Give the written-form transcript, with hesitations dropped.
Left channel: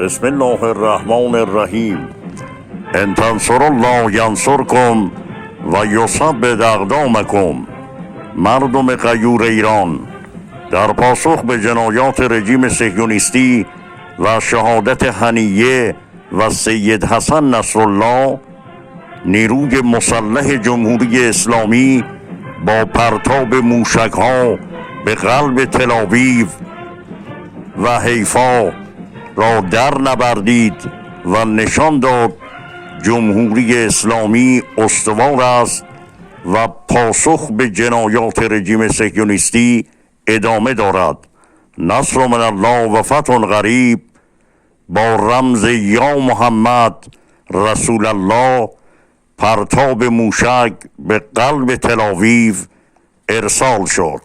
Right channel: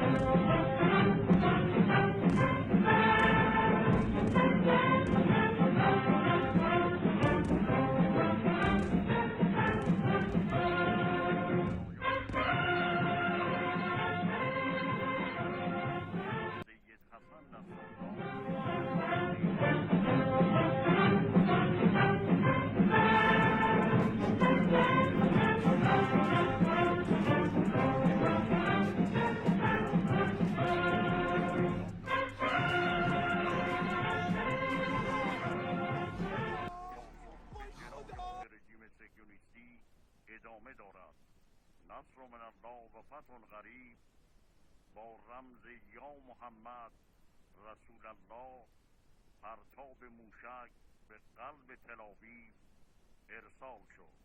بسم الله الرحمن الرحیم. ان تنصر الله ینصرکم و یثبت اقدامکم. مردم غیور ایران، در پاسخ به جنایات رژیم صهیونیستی و شهادت هنیه و سید حسن نصرالله، نیروی مسلح جمهوری اسلامی با پرتاب موشک‌ها به قلب تل‌آویو و حیفا را در نبردید و نشان داد جمهوری اسلامی استوار است و پاسخ به جنایات رژیم صهیونیستی ادامه دارد. نصر من الله و فتح قریب با رمز یا محمد رسول الله پرتاب موشک به قلب تل‌آویو ارسال شد.